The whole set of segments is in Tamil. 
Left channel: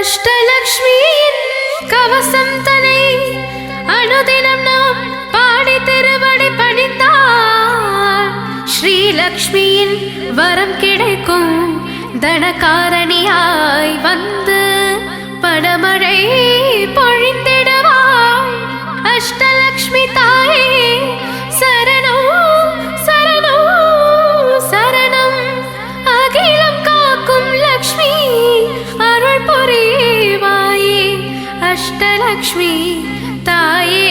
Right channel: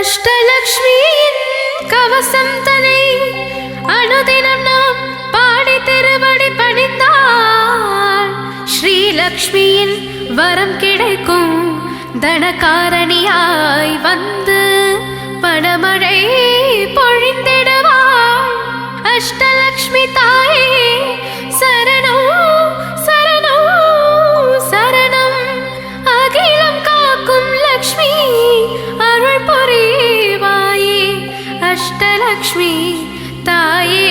அஷ்டலக்ஷ்மியின் கவசம் தனை அனுதினம் நாம் பாடி திருவடி பணிந்தால் ஸ்ரீலக்ஷ்மியின் வரம் கிடைக்கும். தனகாரணியாய் வந்து பணமழை பொழிந்திடுவாள். அஷ்டலக்ஷ்மி தாயே சரணம் சரணம் சரணம். அகிலம் காக்கும் லக்ஷ்மி அருள் புரிவாயே. அஷ்டலக்ஷ்மி தாயே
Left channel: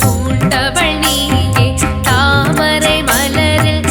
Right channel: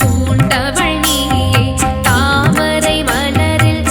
பூண்டவள் நீயே தாமரை மலரில்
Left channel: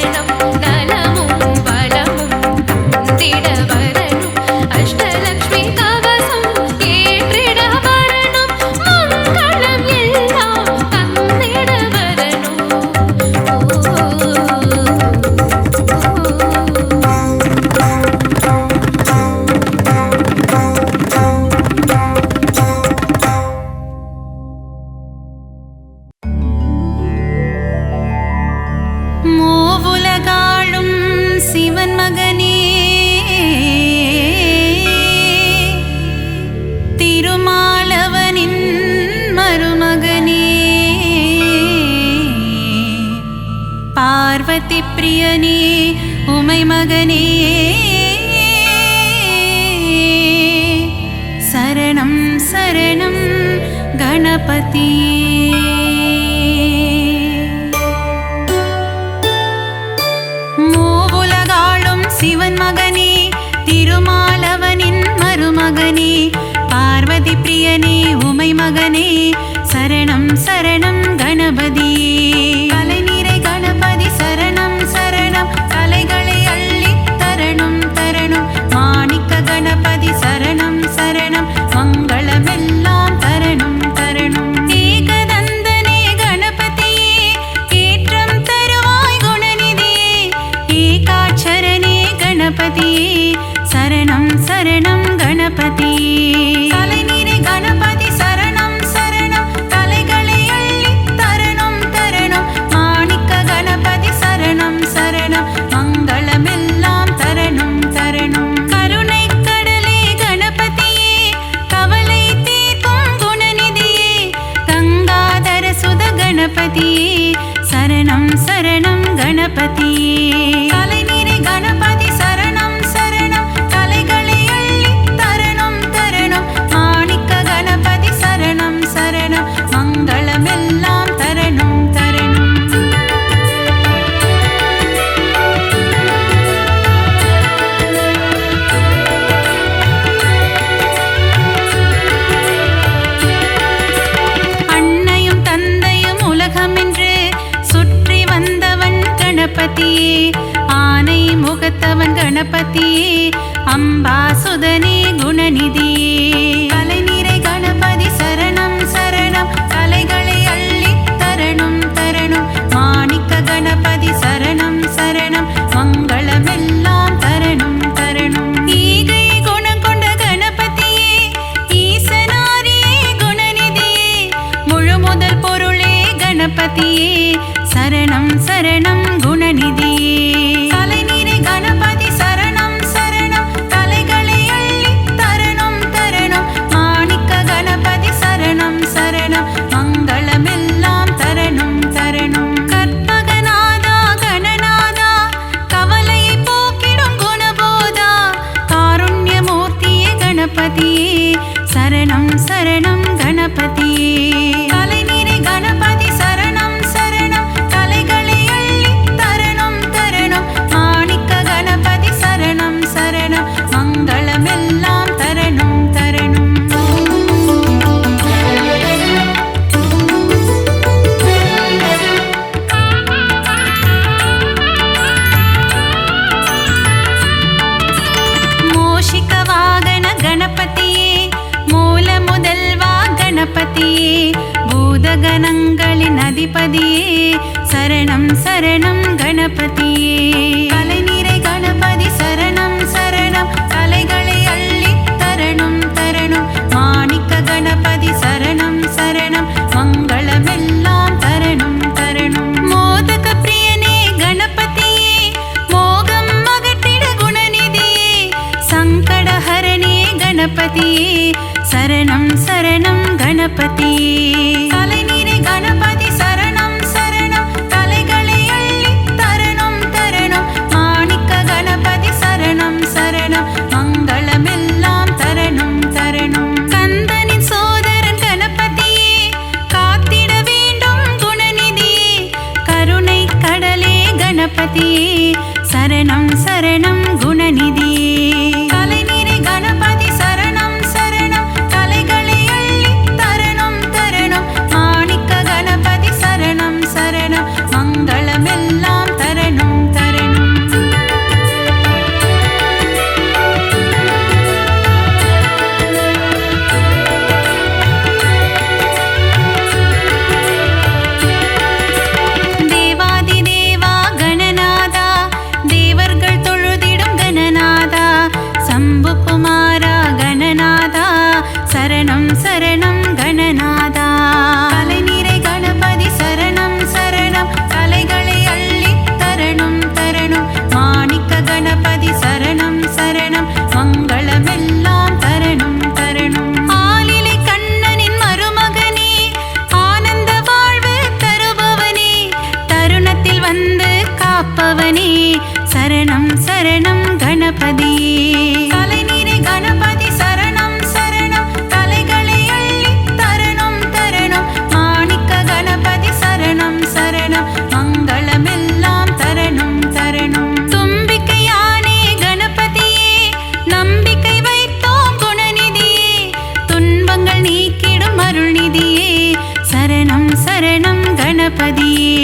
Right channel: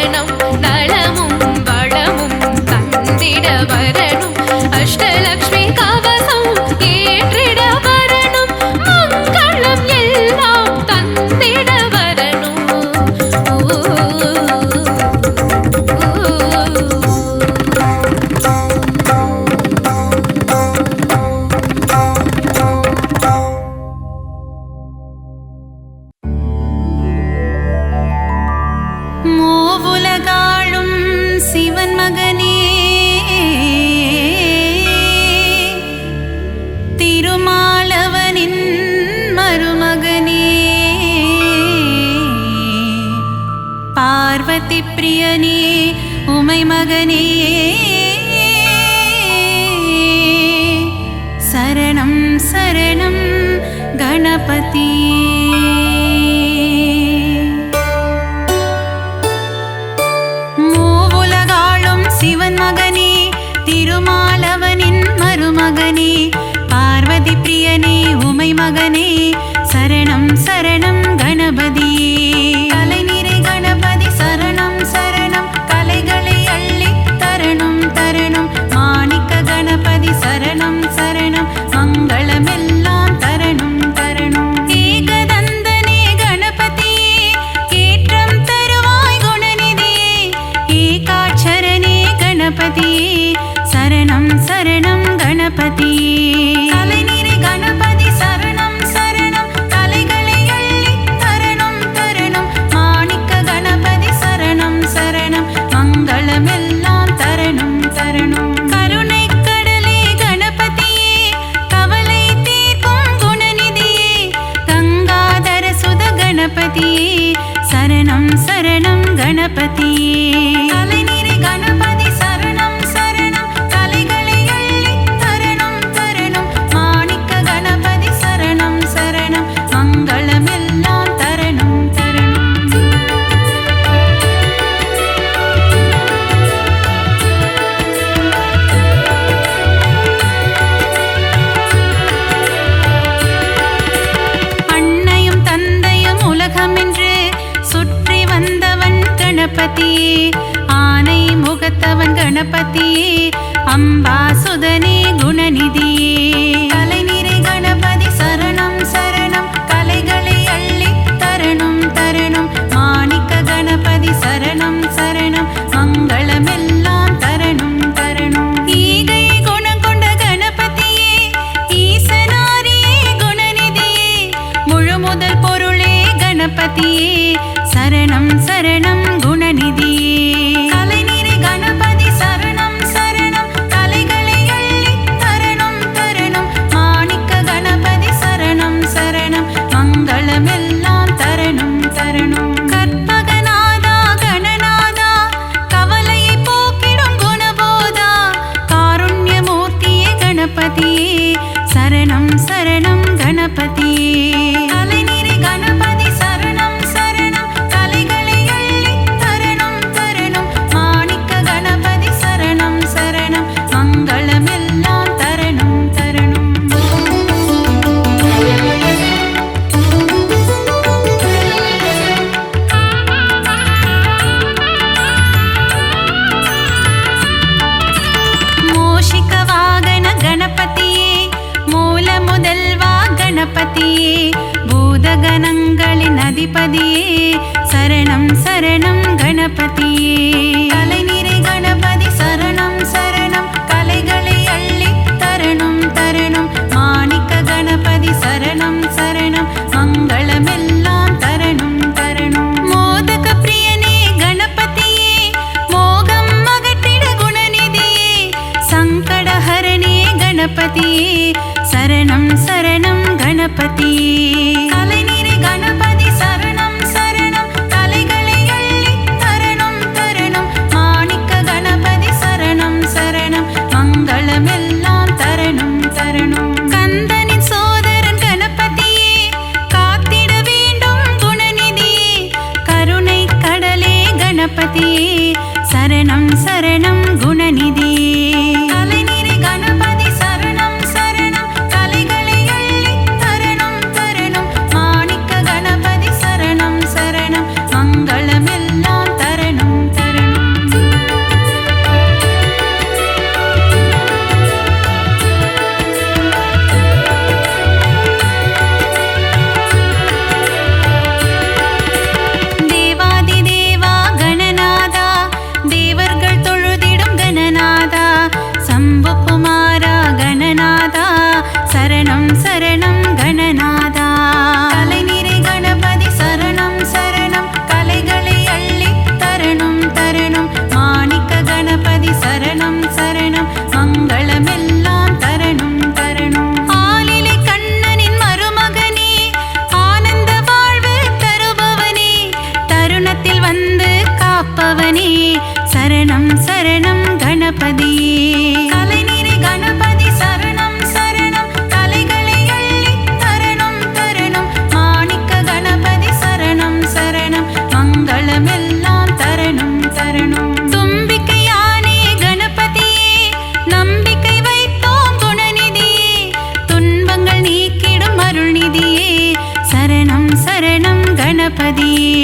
சரணம் நலமும் வளமும் தந்திட வரணும் அஷ்டலக்ஷ்மி கவசம் ஏற்றிட வரணும் மங்களம் எல்லாம் தந்திட வரணும் மூவுலகாளும் சிவன் மகனே திருமாலவனின் மருமகனே பார்வதி பிரியனே உமை மகனே சரணம் சரணம் கணபதியே சிவன் மகனே திருமாலவனின் மருமகனே பார்வதி பிரியனே உமை மகனே சரணம் சரணம் கணபதியே கலைநிறை கணபதி சரணம் சரணம் கலைகளை அள்ளி தரணும் தரணும் மாணிக்க கணபதி சரணம் சரணம் மங்களமெல்லாம் தரணும் தரணும் ஏகதந்தனே கணபதியே ஏற்றம் தருவாய் குணநிதியே ஏகாட்சரனே கணபதியே சரணம் சரணம் கணபதியே கலைநிறை கணபதி சரணம் சரணம் கலைகளை அள்ளி தரணும் தரணும் மாணிக்க கணபதி சரணம் சரணம் மங்களமெல்லாம் தரணும் தரணும் கருணை கடலே கணபதியே கவலை தீர்க்கும் குணநிதியே கங்காதர சுத கணபதியே சரணம் சரணம் கணபதியே கலைநிறை கணபதி சரணம் சரணம் கலைகளை அள்ளி தரணும் தரணும் மாணிக்க கணபதி சரணம் சரணம் மங்களமெல்லாம் தரணும் தரணும் அன்னையும் தந்தையும் உலகமென்று சுற்றி வந்தவன் கணபதியே ஆனை முகத்தவன் கணபதியே அம்பாசுதனே குணநிதியே கலைநிறை கணபதி சரணம் சரணம் கலைகளை அள்ளி தரணும் தரணும் மாணிக்க கணபதி சரணம் சரணம் மங்களமெல்லாம் தரணும் தரணும் ஈகை குணம் கொண்ட கணபதியே ஈசனாரியே குணநிதியே முழு முதல் பொருளே கணபதியே சரணம் சரணம் குணநிதியே கலைநிறை கணபதி சரணம் சரணம் கலைகளை அள்ளி தரணும் தரணும் மாணிக்க கணபதி சரணம் சரணம் மங்களமெல்லாம் தரணும் தரணும் கற்பகநாதா கணநாதா கவலையை போக்கிடும் குணபோதா காருண்யமூர்த்தியே கணபதியே சரணம் சரணம் கணபதியே கலைநிறை கணபதி சரணம் சரணம் கலைகளை அள்ளி தரணும் தரணும் மாணிக்க கணபதி சரணம் சரணம் மங்களமெல்லாம் தரணும் தரணும் மோஷிக வாகன கணபதியே மூல முதல்வா கணபதியே பூதகணங்களின் அதிபதியே சரணம் சரணம் கணபதியே கலைநிறை கணபதி சரணம் சரணம் கலைகளை அள்ளி தரணும் தரணும் மாணிக்க கணபதி சரணம் சரணம் மங்களமெல்லாம் தரணும் தரணும் மோதக பிரியனே கணபதியே மோகம் அகற்றிட குணநிதியே சங்கடஹரணே கணபதியே சரணம் சரணம் கணபதியே கலைநிறை கணபதி சரணம் சரணம் கலைகளை அள்ளி தரணும் தரணும் மாணிக்க கணபதி சரணம் சரணம் மங்களமெல்லாம் தரணும் தரணும் கந்தனின் சோதரன் கணபதியே காத்திட வேண்டும் குணநிதியே கருணை கடலே கணபதியே சரணம் சரணம் குணநிதியே கலைநிறை கணபதி சரணம் சரணம் கலைகளை அள்ளி தரணும் தரணும் மாணிக்க கணபதி சரணம் சரணம் மங்களமெல்லாம் தரணும் கருவில் வந்து காப்பவனே சரணம் சரணம் கணபதியே. தலைநீரை கணபதி சரணம் சரணம் தலைகளை அள்ளி தரணம் தரணம் மாணிக்க கணபதி சரணம் சரணம் மங்களமெல்லாம் தரணம் தரணம். தும்பிக்கையானே கணபதியே நம்பிக்கை வைத்தோம் குணநிதியே துன்பங்கள் நீக்கிடும் அருள்நிதியே சரணம் சரணம் கணபதியே.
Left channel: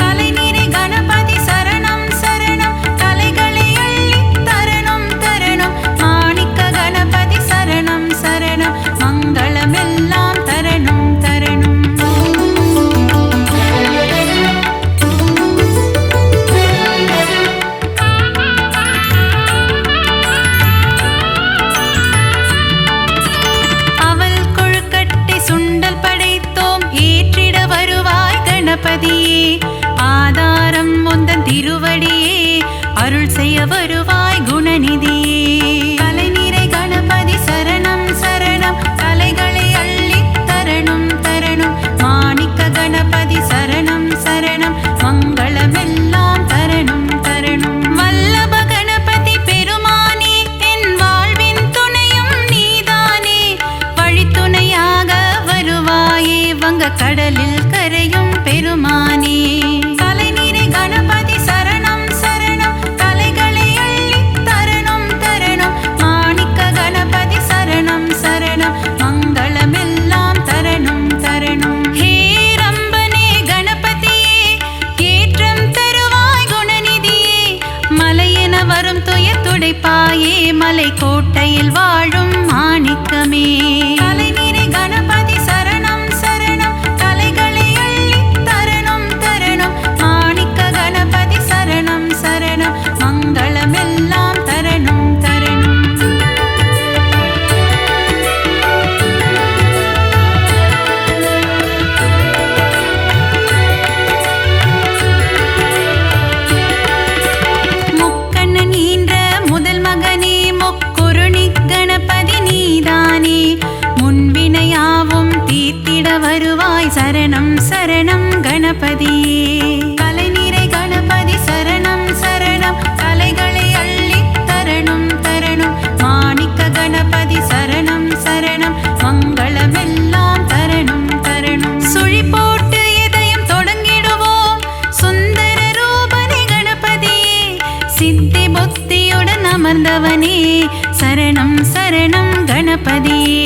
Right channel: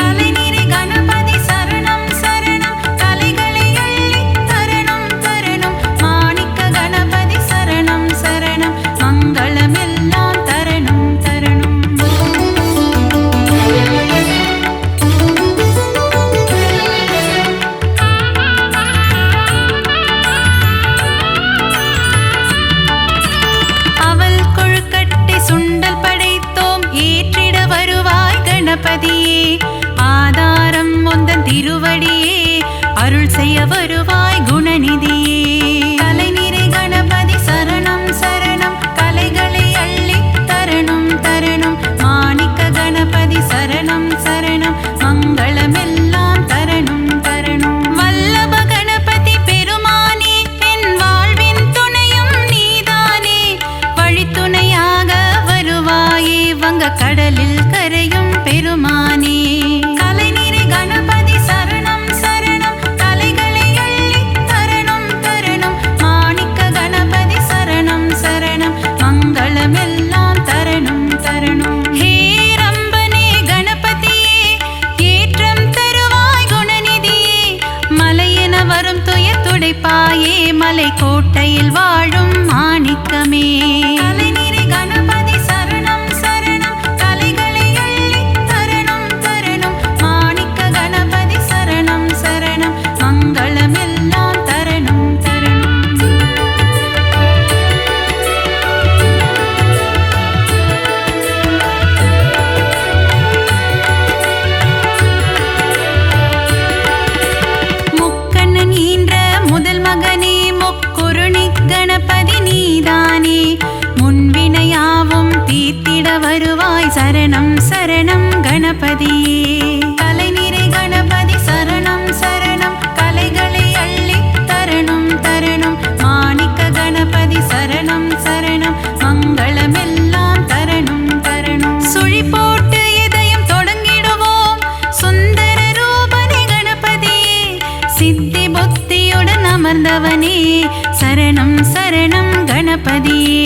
தலைநீரை கணபதி சரணம் சரணம் தலைகளை அள்ளி தரணம் தரணம் மாணிக்க கணபதி சரணம் சரணம் மங்களமெல்லாம் தரணம் தரணம். அவள் கொழுக்கட்டை சுண்டல் படைத்தோம் ஏற்றிட வருவாய் கணபதியே. ஆதாரம் முந்தன் திருவடியே அருள் செய்ய வருவாய் குணநிதியே. தலைநீரை கணபதி சரணம் சரணம் கலைகளை அள்ளி தரணம் தரணம் மாணிக்க கணபதி சரணம் சரணம் மங்களமெல்லாம் தரணம் தரணம். வல்லப கணபதி பெருமானே என் வாழ்வின் துணையும் நீதானே வழித்துணையாக வருவாயே வங்க கடலில் கரையும் பெருமானே. தலைநீரை கணபதி சரணம் சரணம் தலைகளை அள்ளி தரணம் தரணம் மாணிக்க கணபதி சரணம் சரணம் மங்களமெல்லாம் தரணம் தரணம். ஹே ரம்பனே கணபதியே ஏற்றம் தருவாய் குணநிதியே மலையென வரும் துய துடைப்பாயே மலை கோட்டையில் வாழும் மாணிக்கமே. தலைநீரை கணபதி சரணம் சரணம் தலைகளை அள்ளி தரணம் தரணம் மாணிக்க கணபதி சரணம் சரணம் மங்களமெல்லாம் தரணம் தரணம். முக்கண்ணன் ஈன்ற முதல் மகனே முக்குருணி கணபதி நீதானே முன்வினையாவும் தீர்த்திட வருவாய் சரணம் சரணம் கணபதியே. தலைநீரை கணபதி சரணம் சரணம் கலைகளை அள்ளி தரணம் தரணம் மாணிக்க கணபதி சரணம் சரணம் மங்களமெல்லாம் தரணம் தரணம். சுழி போட்டு இதயம் தொடங்கிடுவோம் சுந்தர ரூபனே கணபதியே சித்தி புத்தியுடன் அமர்ந்தவனே சரணம் சரணம் கணபதியே.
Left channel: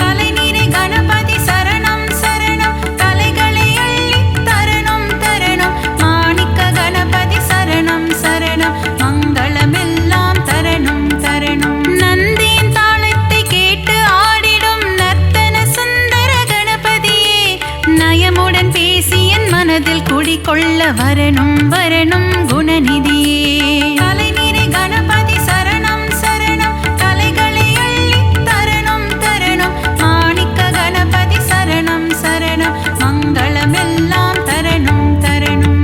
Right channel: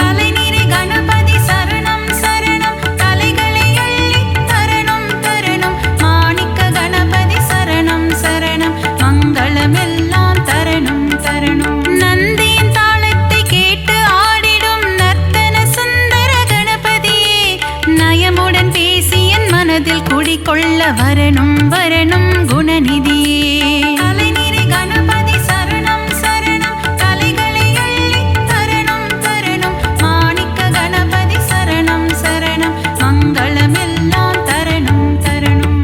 தலைநீரை கணபதி சரணம் சரணம் தலைகளை அள்ளி தரணம் தரணம் மாணிக்க கணபதி சரணம் சரணம் மங்களமெல்லாம் தரணம் தரணம். நந்தியின் தாளத்தை கேட்டு ஆடிடும் நர்த்தன சுந்தர கணபதியே நயமுடன் பேசி என் மனதில் குடிகொள்ள வரணும் வரணும் குணநிதியே. தலைநீரை கணபதி சரணம் சரணம் தலைகளை அள்ளி தரணம் தரணம் மாணிக்க கணபதி சரணம் சரணம் மங்களமெல்லாம் தரணம் தரணம்.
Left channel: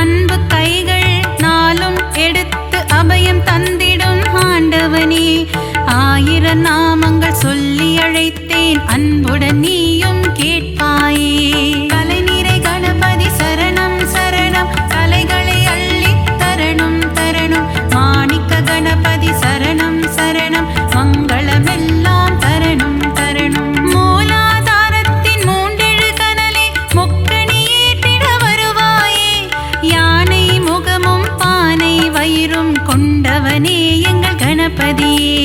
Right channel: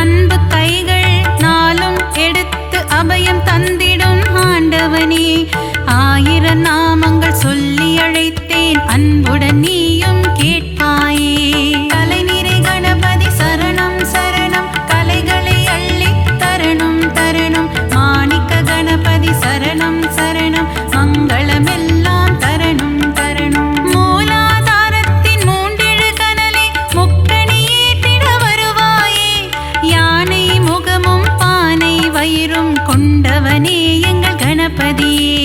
அன்பு கைகள் நாளும் எடுத்து அபயம் தந்திடும் ஆண்டவனே ஆயிரம் நாமங்கள் சொல்லி அழைத்தேன் அன்புடன் நீயும் கேட்பாயே. தலைநீரை கணபதி சரணம் சரணம் கலைகளை அள்ளி தரணம் தரணம் மாணிக்க கணபதி சரணம் சரணம் மங்களமெல்லாம் தரணம் தரணம். மூலாதாரத்தின் மூண்டெழு கனலை முக்கணி ஏற்றிட வருவாயே யானை முகமும் பானை வயிறும் கொண்டவனே எங்கள் கணபதியே.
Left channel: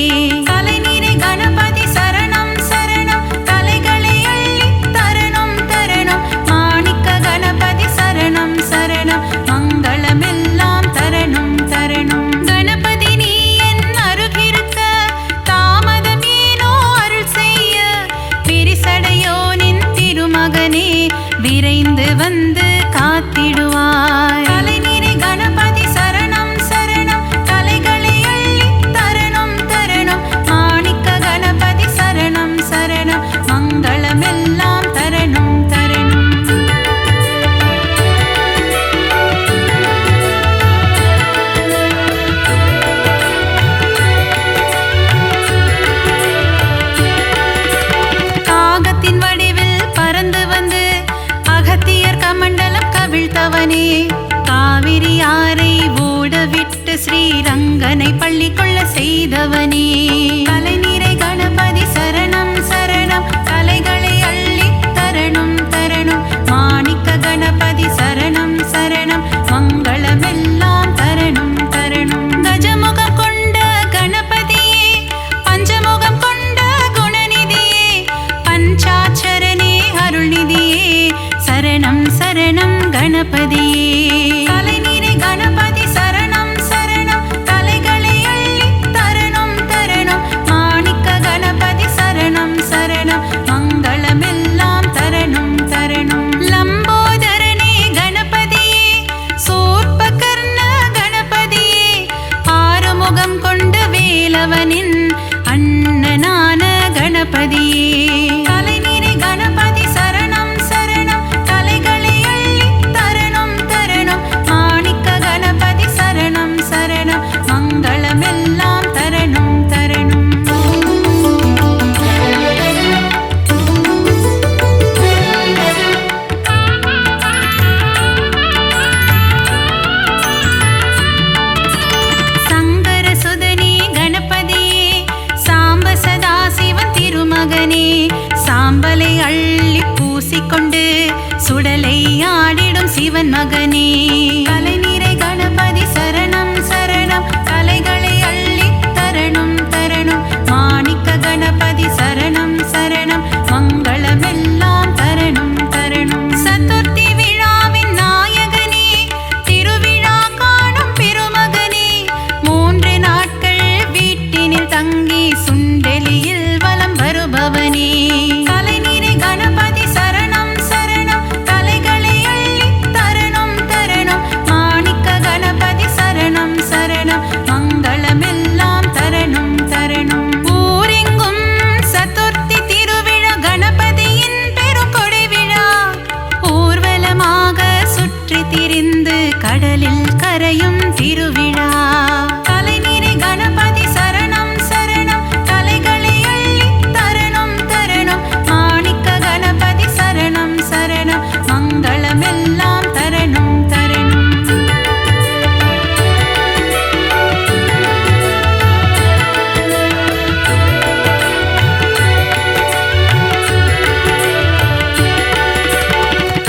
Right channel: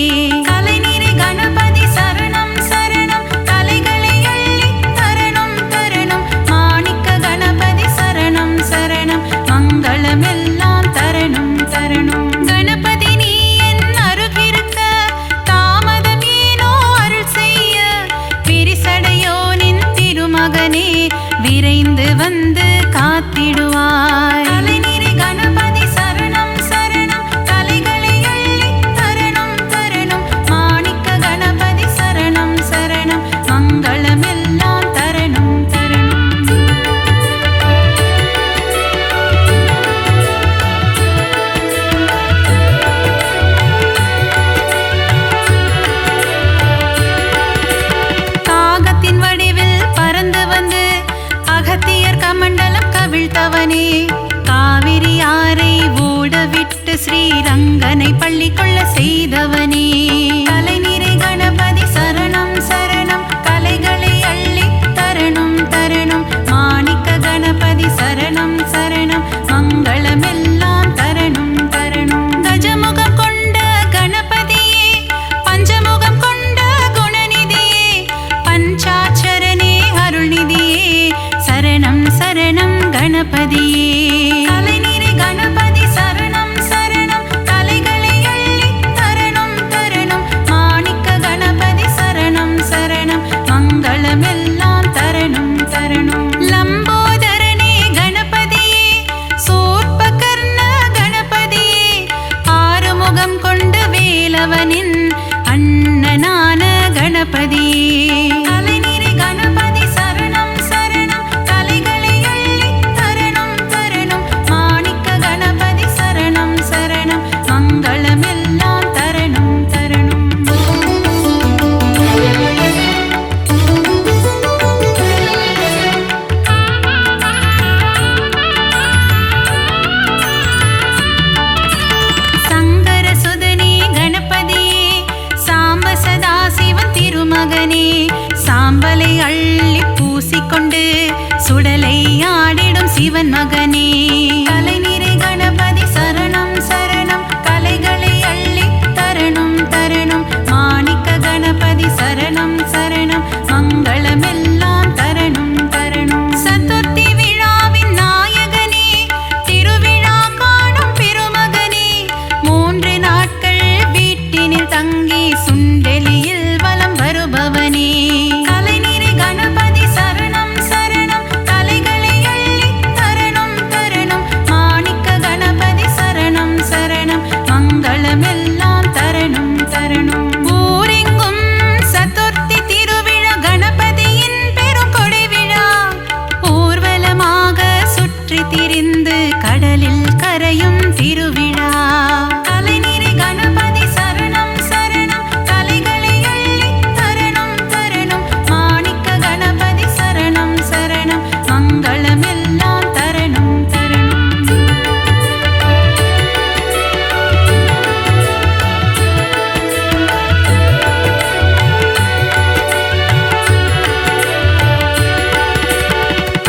தலைநீரை கணபதி சரணம் சரணம் தலைகளை அள்ளி தரணம் தரணம் மாணிக்க கணபதி சரணம் சரணம் மங்களமெல்லாம் தரணம் தரணம். கணபதி நீ என் அருகிருக்க தாமதம் ஏனோ அருள் செய்ய விரிசடையோனின் திருமகனே விரைந்து வந்து காத்திடுவாய். தலைநீரை கணபதி சரணம் சரணம் தலைகளை அள்ளி தரணம் தரணம் மாணிக்க கணபதி சரணம் சரணம் மங்களமெல்லாம் தரணம் தரணம். கொண்டவனே, காவிரி ஆரை ஓடவிட்டு ஸ்ரீரங்கனை பள்ளி கொள்ள செய்தவனே. கலைநிறை கணபதி சரணம் சரணம், கலைகளை அள்ளி தரணும் தரணும். மாணிக்க கணபதி சரணம் சரணம், மங்களமெல்லாம் தரணும் தரணும். கஜமுகம் கொண்ட கணபதியே, பஞ்சமுகம் கொண்ட குணநிதியே, பஞ்சாட்சரனே அருள்நிதியே, சரணம் சரணம் கணபதியே. கலைநிறை கணபதி சரணம் சரணம், கலைகளை அள்ளி தரணும் தரணும். மாணிக்க கணபதி சரணம் சரணம், மங்களமெல்லாம் தரணும் தரணும். லம்போதரனே கணபதியே, சூர்பகர்ண கணபதியே, ஆறுமுகம் கொண்ட வேலவனின் அண்ணனான கணபதியே. கலைநிறை கணபதி சரணம் சரணம், கலைகளை அள்ளி தரணும் தரணும். மாணிக்க கணபதி சரணம் சரணம், மங்களமெல்லாம் தரணும் தரணும். சங்கர சுதனே கணபதியே, சாம்ப சதாசிவன் திருமகனே, சாம்பலை அள்ளி பூசிக்கொண்டு சுடலை ஆடிடும் சிவன் மகனே. கலைநிறை கணபதி சரணம் சரணம், கலைகளை அள்ளி தரணும் தரணும். மாணிக்க கணபதி சரணம் சரணம், மங்களமெல்லாம் தரணும் தரணும். சதுர்த்தி விழாவின் நாயகனே, திருவிழா காணும் பெருமகனே, 3 நாட்கள் வீட்டினில் தங்கி சுண்டெலியில் வலம் வருபவனே. கலைநிறை கணபதி சரணம் சரணம், கலைகளை அள்ளி தரணும் தரணும். மாணிக்க கணபதி சரணம் சரணம், மங்களமெல்லாம் தரணும் தரணும். ஊரெங்கும் சதுர்த்தி திருவிழா, கணபதியின் பெரும் கொடை விழா, ஊர்வலமாக சுற்றி திரிந்து கடலில் கரையும் திருவிழா. கலைநிறை கணபதி சரணம் சரணம், கலைகளை அள்ளி தரணும் தரணும். மாணிக்க கணபதி சரணம் சரணம், மங்களமெல்லாம் தரணும் தரணும்.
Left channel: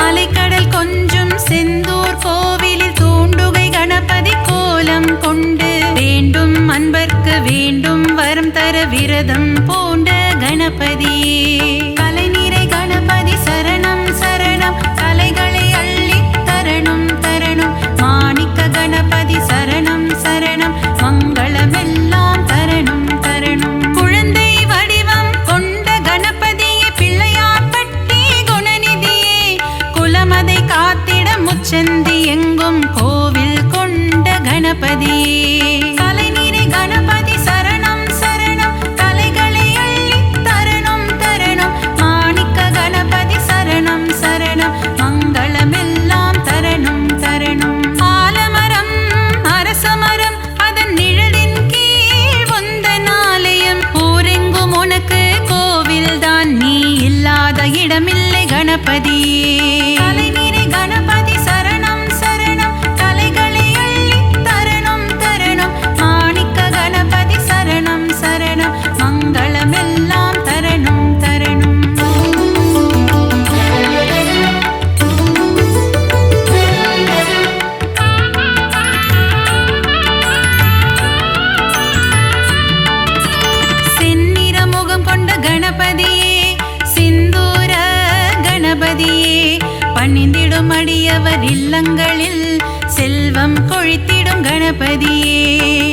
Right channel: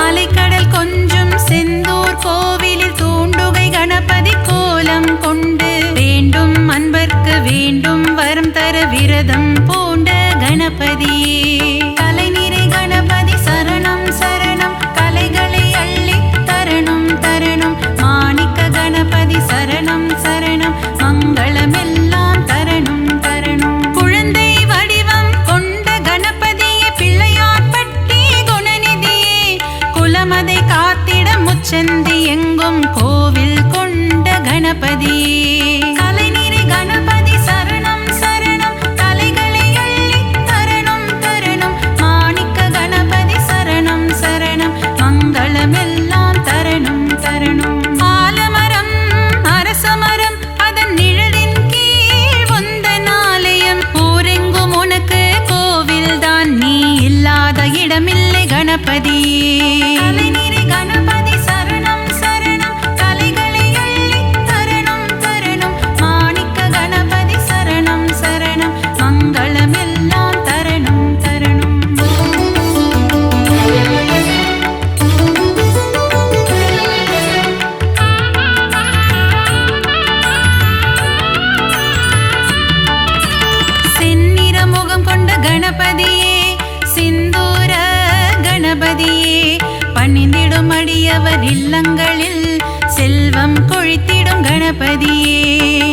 அலைக்கடல் கொஞ்சும் செந்தூர் கோவிலில் தூண்டுகை கணபதி கோலம் கொண்டு, வேண்டும் அன்பர்க்கு வேண்டும் வரம் தர விரதம் பூண்ட கணபதியே. கலைநிறை கணபதி சரணம் சரணம், கலைகளை அள்ளி தரணும் தரணும். மாணிக்க கணபதி சரணம் சரணம், மங்களமெல்லாம் தரணும் தரணும். குழந்தை வடிவம் கொண்ட கணபதியே, பிள்ளையார்பட்டி குணநிதியே, குலமதை காத்திட முச்சந்தி எங்கும் கோவில் கொண்ட கணபதியே. கலைநிறை கணபதி சரணம் சரணம், கலைகளை அள்ளி தரணும் தரணும். மாணிக்க கணபதி சரணம் சரணம், மங்களமெல்லாம் தரணும் தரணும். ஆலமரம் அரசமரம், அதன் நிழலின் கீழ் உந்தன் ஆலயம், ஊரெங்கும் உனக்கு கோவில்தான், நீ இல்லாத இடமில்லை கணபதியே. கலைநிறை கணபதி சரணம் சரணம், கலைகளை அள்ளி தரணும் தரணும். மாணிக்க கணபதி சரணம் சரணம், மங்களமெல்லாம் தரணும் தரணும். செந்நிற முகம் கொண்ட கணபதியே, சிந்தூர கணபதியே, பணிந்திடும் அடியவர் இல்லங்களில் செல்வம் கொழித்திடும் கணபதியே.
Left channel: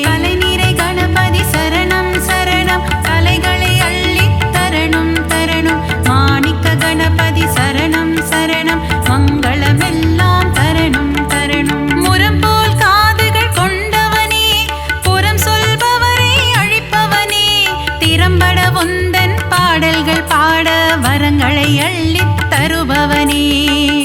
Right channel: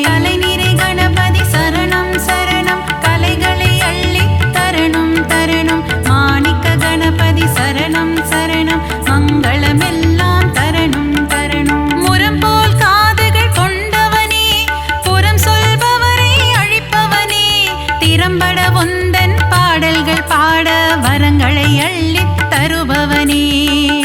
கலைநிறை கணபதி சரணம் சரணம், கலைகளை அள்ளி தரணும் தரணும். மாணிக்க கணபதி சரணம் சரணம், மங்களமெல்லாம் தரணும் தரணும். முரம் போல் காதுகள் கொண்டவனே, புறம் சொல்பவரை அழிப்பவனே, திறம்பட உந்தன் பாடல்கள் பாட வரங்களை அள்ளித் தருபவனே.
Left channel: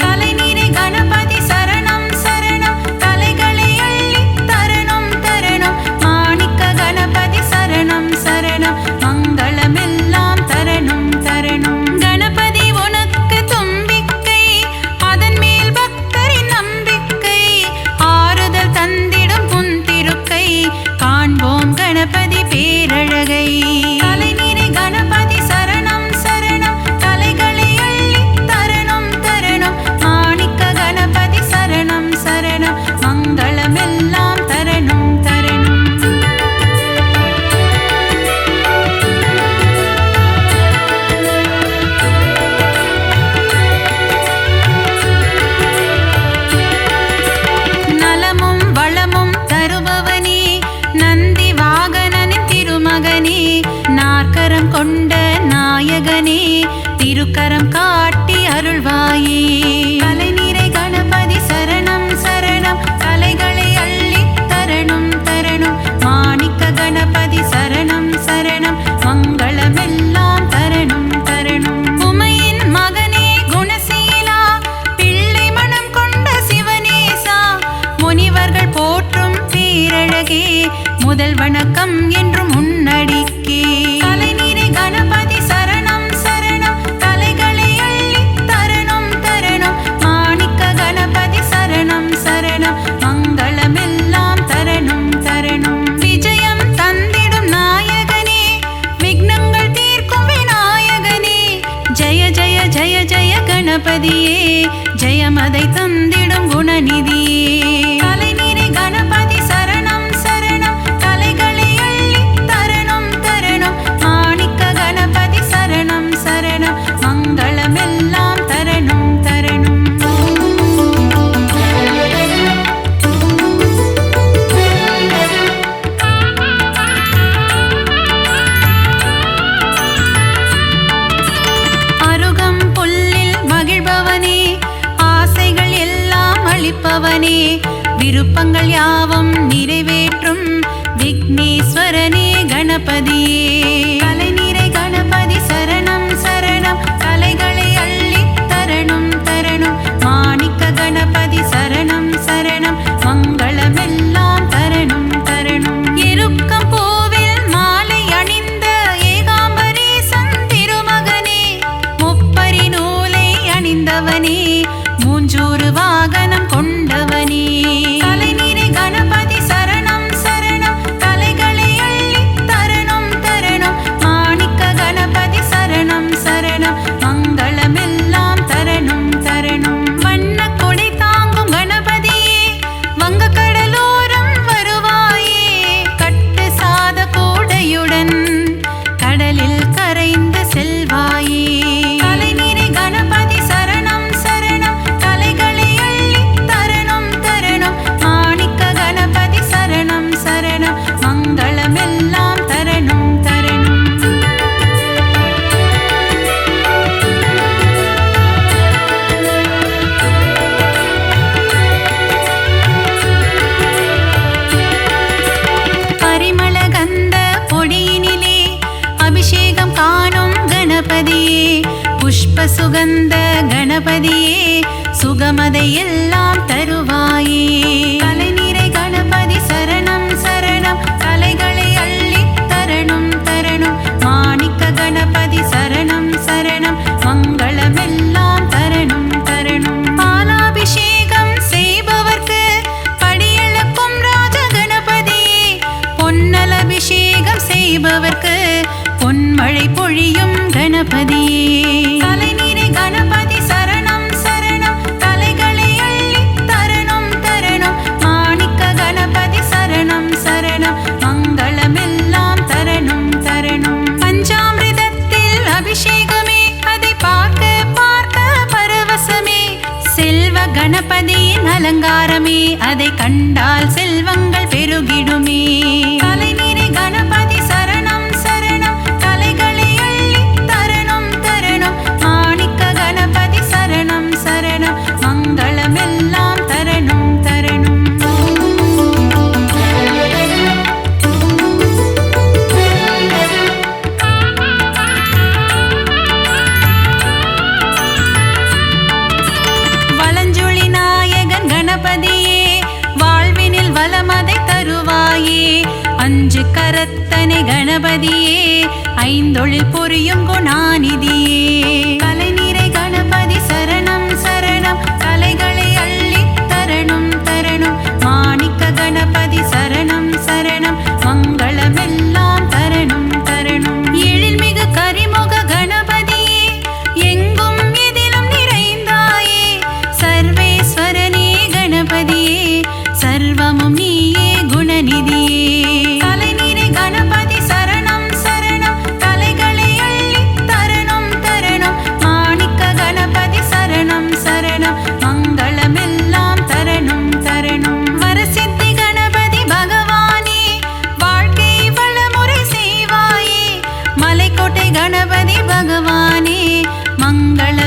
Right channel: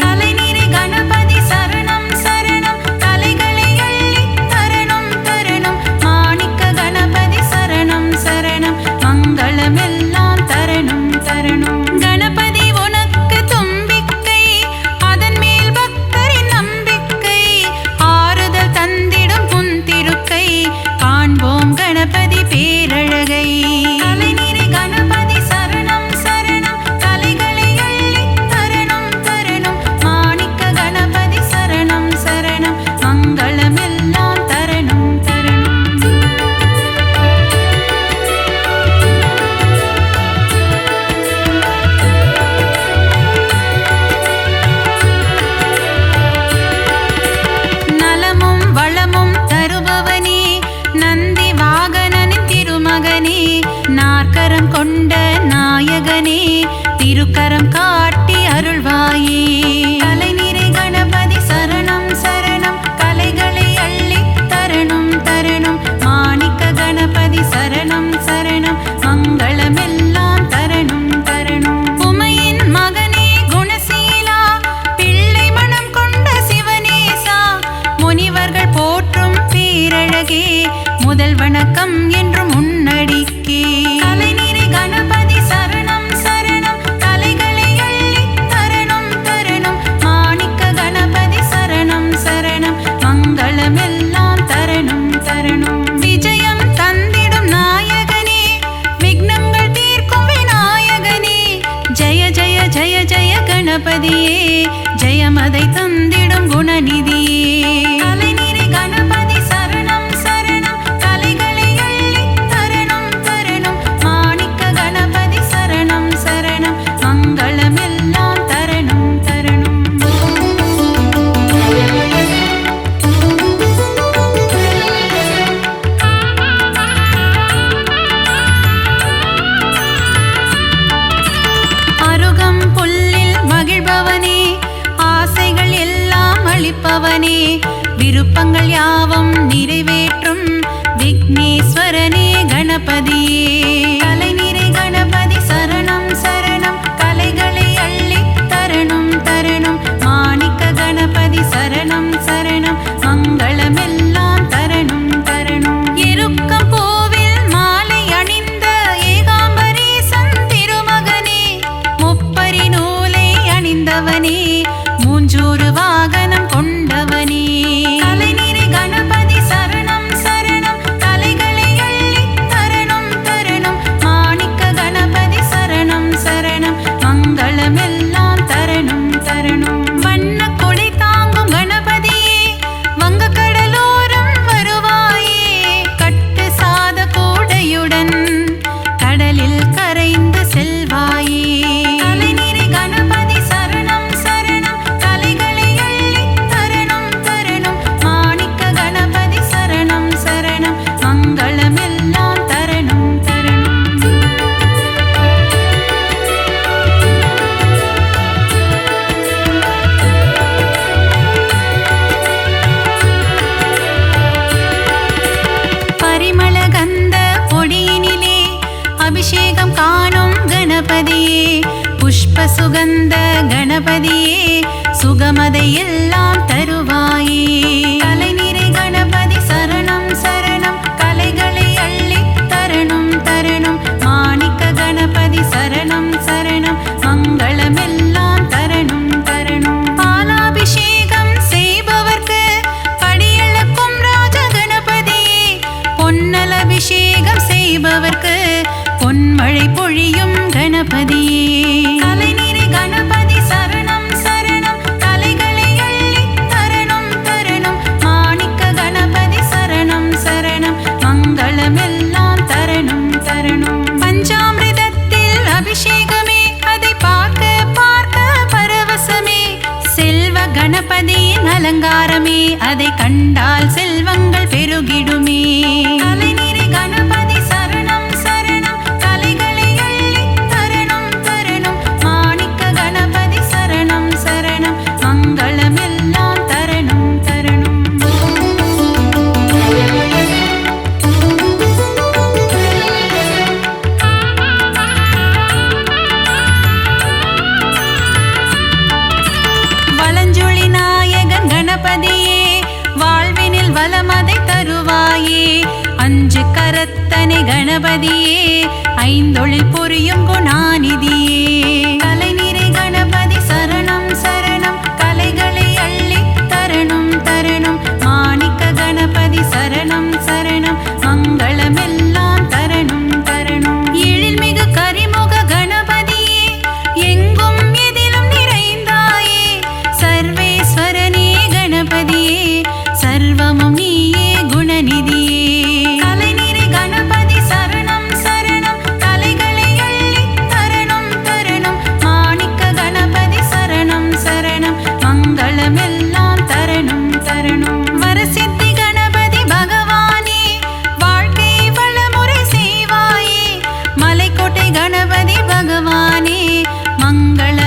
கலைநிறை கணபதி சரணம் சரணம், கலைகளை அள்ளி தரணும் தரணும். மாணிக்க கணபதி சரணம் சரணம், மங்களமெல்லாம் தரணும் தரணும். கணபதி உனக்கு தும்பிக்கை, அதன் மேல் பக்தரின் நம்பிக்கை, கணபதி பேரழகை. அலைநிறை கணபதி சரணம் சரணம் கலைகளை அள்ளித் தரணும் தரணும். மாணிக்க கணபதி சரணம் சரணம் மங்களமெல்லாம் தரணும் தரணும். நலமும் வளமும் தருபவனே நந்தி வாகனனின் திருமகனே. நாற்கரம் கொண்ட நாயகனே திருக்கரம் காட்டி அருள்வாயே. அலைநிறை கணபதி சரணம் சரணம் கலைகளை அள்ளித் தரணும் தரணும். மாணிக்க கணபதி சரணம் சரணம் மங்களமெல்லாம் தரணும் தரணும். உமையின் மகனே குணசீலா பிள்ளை மனம் கொண்ட சிவனேசா. முனிவர்கள் போற்றும் பேரழகே முதல் வணக்கம் என்றும் உன்னடிக்கே. அலைநிறை கணபதி சரணம் சரணம் கலைகளை அள்ளித் தரணும் தரணும். மாணிக்க கணபதி சரணம் சரணம் மங்களமெல்லாம் தரணும் தரணும். விஜயம் தந்திடும் நாயகனே விக்னங்கள் தீர்க்கும் விநாயகனே. ஜய ஜய ஜய ஜய கணபதியே ஜெயமதை தந்திடும் குணநிதியே. அலைநிறை கணபதி சரணம் சரணம் கலைகளை அள்ளித் தரணும் தரணும். மாணிக்க கணபதி சரணம் சரணம் மங்களமெல்லாம் தரணும் தரணும். அருகம் புல்லில் மகிழ்பவனே ஆசைகள் எல்லாம் அளிப்பவனே. விருப்பங்கள் யாவும் நிறைவேற்றும் விக்னேஸ்வரனே கணபதியே. அலைநிறை கணபதி சரணம் சரணம் கலைகளை அள்ளித் தரணும் தரணும். மாணிக்க கணபதி சரணம் சரணம் மங்களமெல்லாம் தரணும் தரணும். எருக்கம் பூவில் மாலை அணிந்த ஏகாம்பரேசன் திருமகனே. முப்பரி நூலை அணிந்தவனே மூஞ்சூறு வாகனம் கொண்டவனே. அலைநிறை கணபதி சரணம் சரணம் கலைகளை அள்ளித் தரணும் தரணும். மாணிக்க கணபதி சரணம் சரணம் மங்களமெல்லாம் தரணும் தரணும். வண்ண கொடை தாங்கும் கணபதியே வங்க கடலோரம் வருவாயே. கட்டு சாத கூடையுடன் கடலில் கரைந்து செல்வாயே. அலைநிறை கணபதி சரணம் சரணம் கலைகளை அள்ளித் தரணும் தரணும். மாணிக்க கணபதி சரணம் சரணம் மங்களமெல்லாம் தரணும் தரணும். பரிமள கந்த பொடியினிலே அபிஷேகம் காணும் கணபதியே. புஷ்ப சுகந்த கணபதியே சுகமதை எல்லாம் தருவாயே. அலைநிறை கணபதி சரணம் சரணம் கலைகளை அள்ளித் தரணும் தரணும். மாணிக்க கணபதி சரணம் சரணம் மங்களமெல்லாம் தரணும் தரணும். பாலாபிஷேகம் செய்பவர்க்கு படியளக்கும் ராஜ கணபதியே. பொன்னல் அபிஷேகம் செய்பவர்க்கு பொன்மழை பொழியும் கணபதியே. அலைநிறை கணபதி சரணம் சரணம் கலைகளை அள்ளித் தரணும் தரணும். மாணிக்க கணபதி சரணம் சரணம் மங்களமெல்லாம் தரணும் தரணும். பஞ்சாமிர்தத்தில் அபிஷேகமே அதை பார்க்க பார்க்க பரவசமே. செல்வ கணபதியின் அலங்காரமே அதை கண்டால் செல்வங்கள் பெருகிடுமே. அலைநிறை கணபதி சரணம் சரணம் கலைகளை அள்ளித் தரணும் தரணும். மாணிக்க கணபதி சரணம் சரணம் மங்களமெல்லாம் தரணும் தரணும். வலஞ்சுழி நாயகன் கணபதியே வாழ்வினில் வளமதை தருவாயே. அஞ்சு கரத்தனை கணபதியே ஐந்தொழில் புரியும் குணாநிதியே. கலைநிறை கணபதி சரணம் சரணம் கலைகளை அள்ளித் தரணும் தரணும். மாணிக்க கணபதி சரணம் சரணம் மங்களமே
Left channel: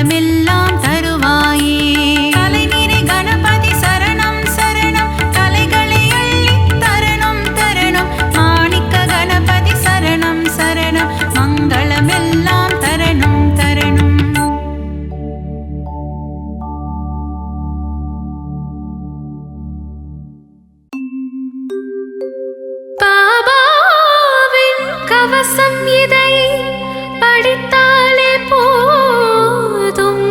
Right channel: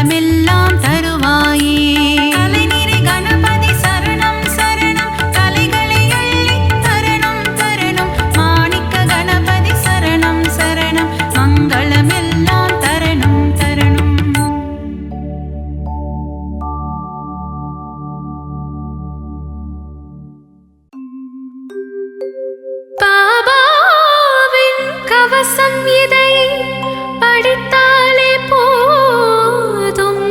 மங்களமெல்லாம் தருவாயே. தலைநிறை கணபதி சரணம் சரணம், தலைகளை அள்ளி தரணம் தரணம். மாணிக்க கணபதி சரணம் சரணம், மங்களமெல்லாம் தரணம் தரணம். பாபாவின் கவசம் இதை படித்தாலே போதும்,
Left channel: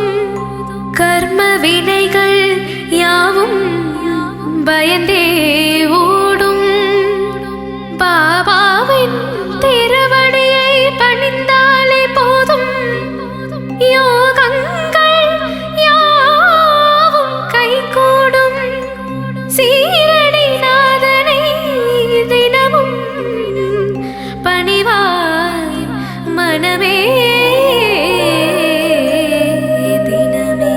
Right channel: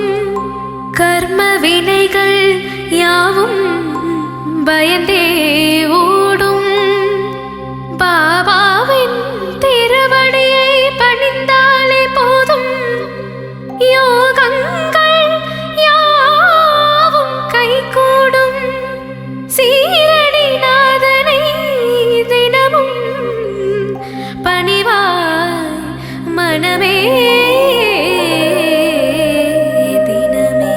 கர்ம வினைகள் யாவும் பயந்தே ஓடும். பாபாவின் திருவடியை பணிந்தாலே போதும், யோகங்கள் யாவும் கைகூடும். சீரடி நாதனை தினமும் பணிவாய் மனமே தினமே.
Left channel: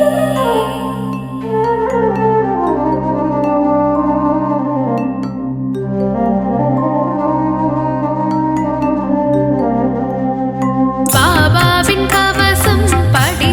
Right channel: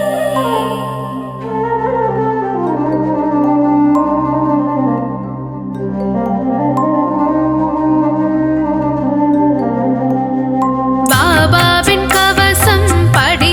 பாபாவின் கவசம் படி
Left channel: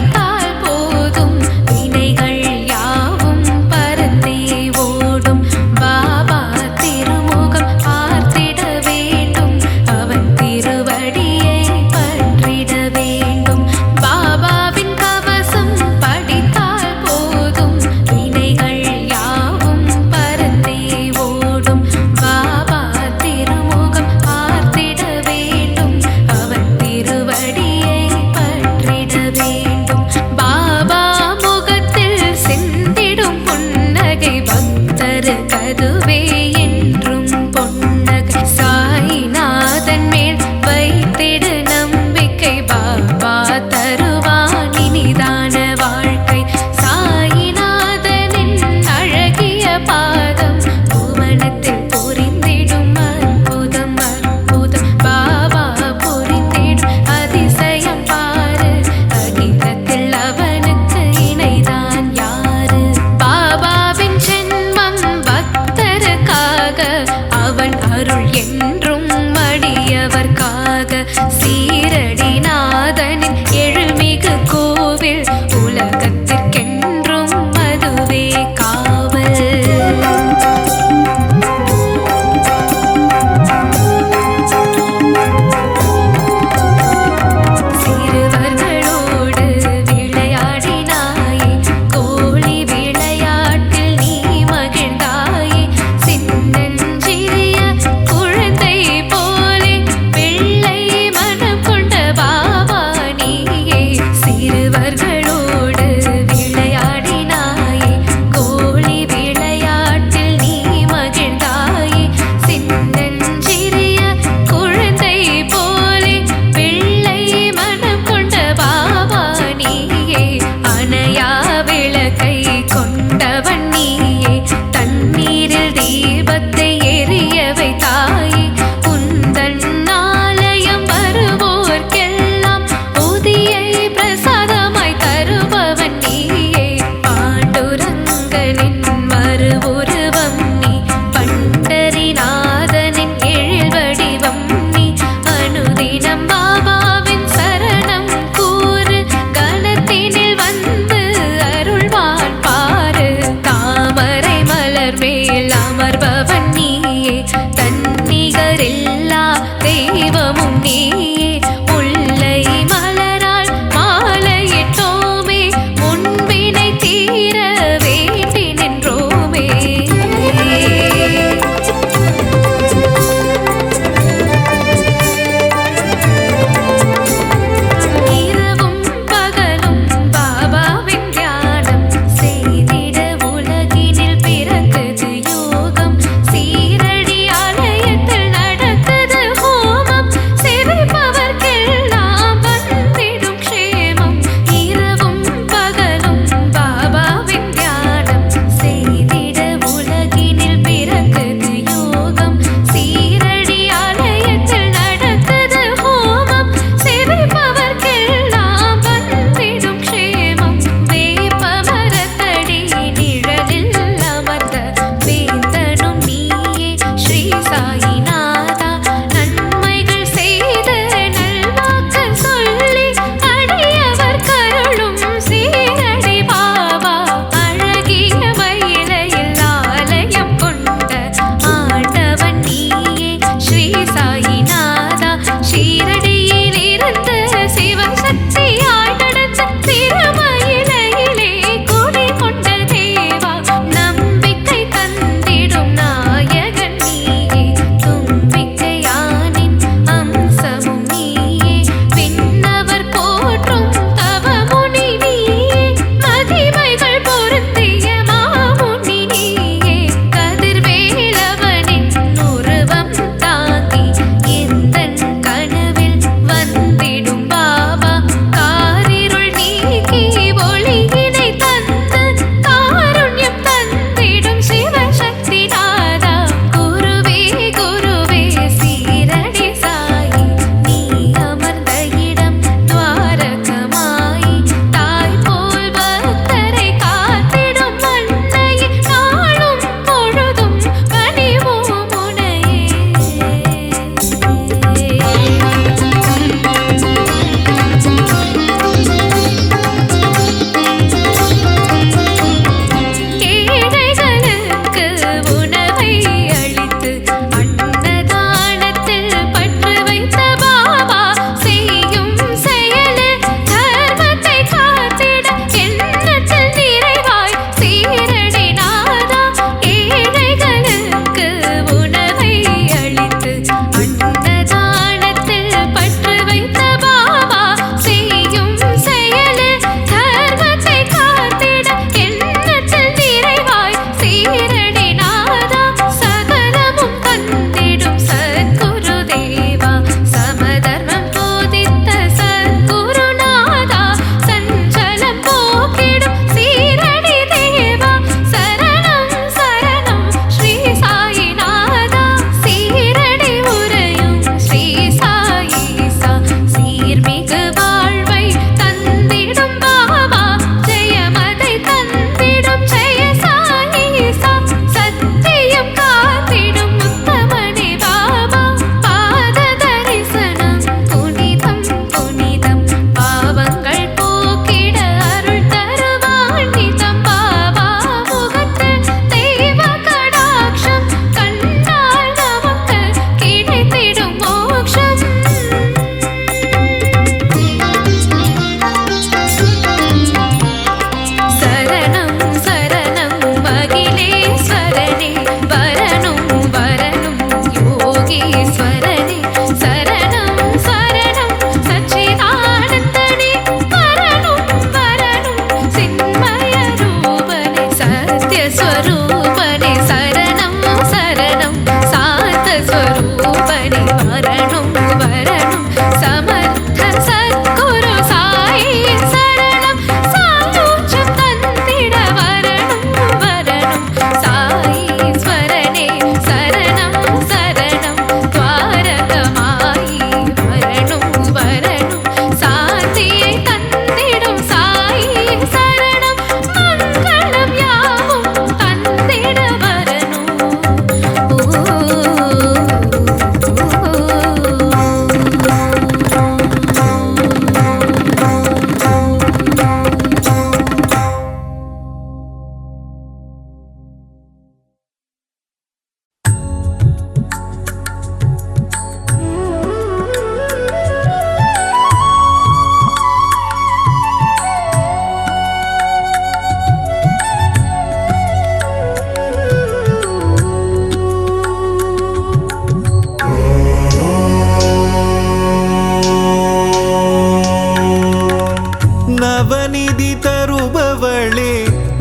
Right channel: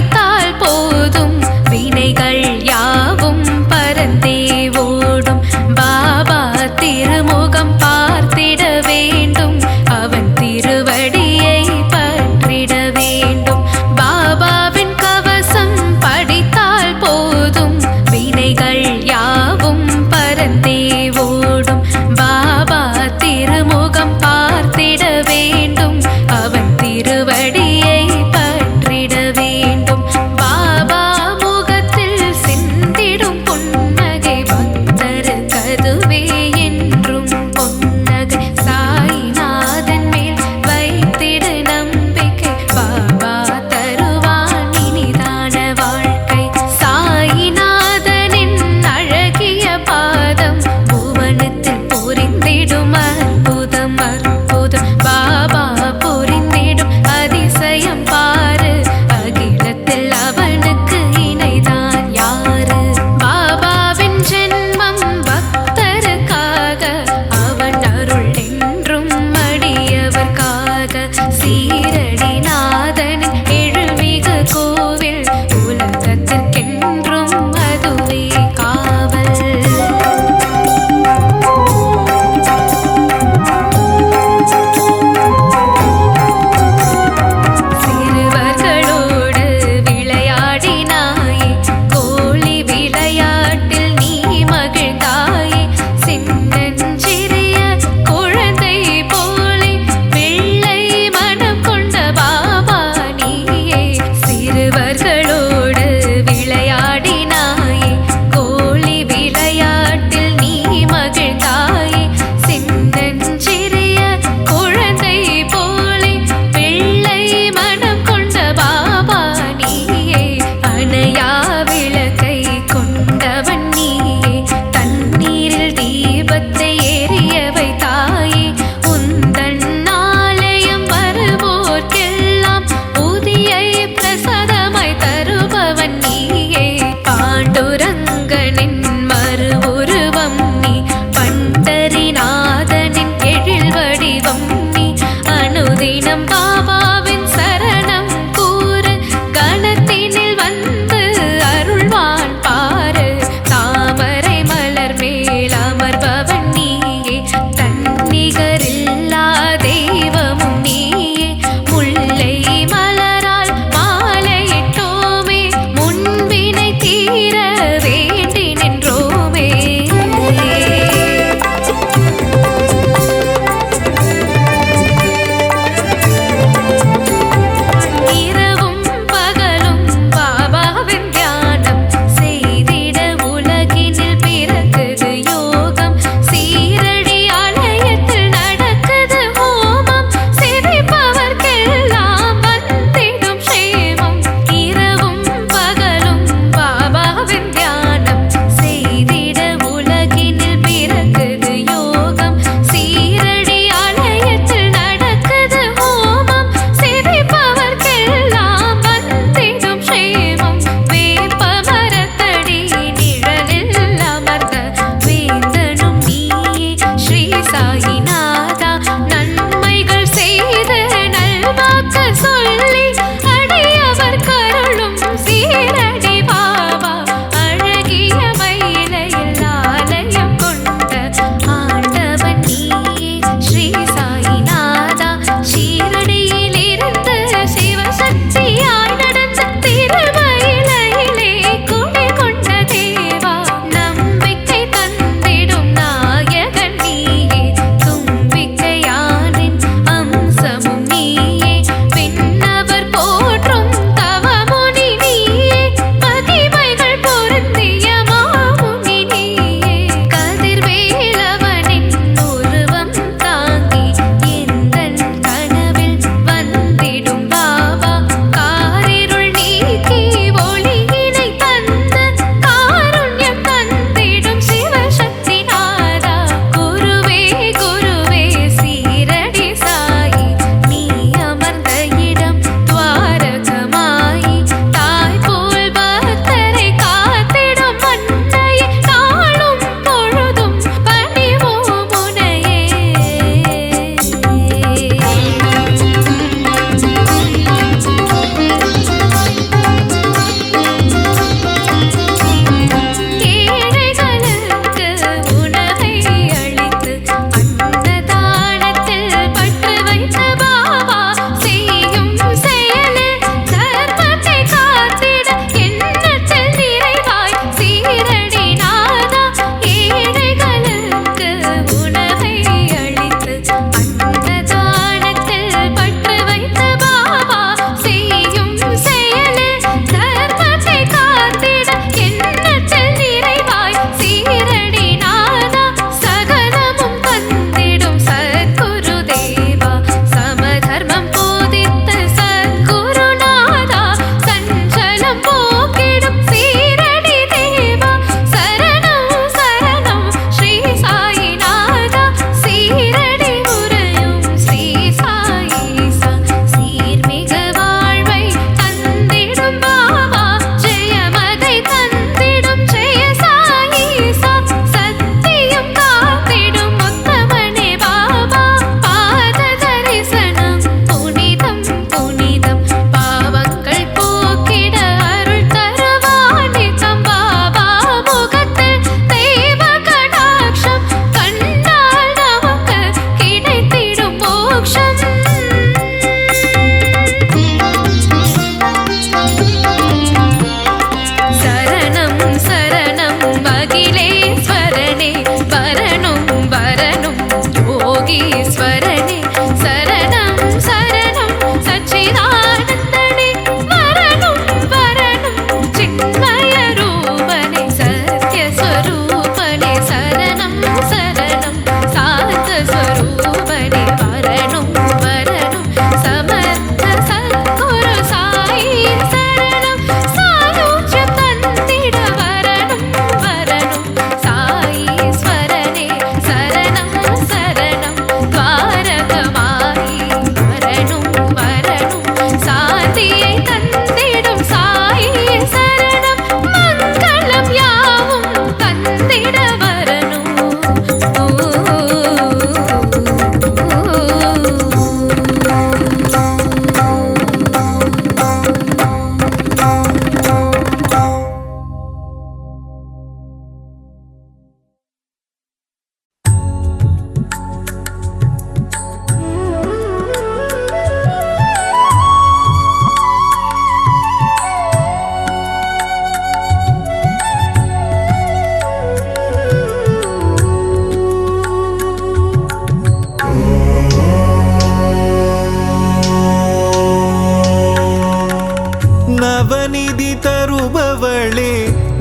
நவநிதி தருபவளே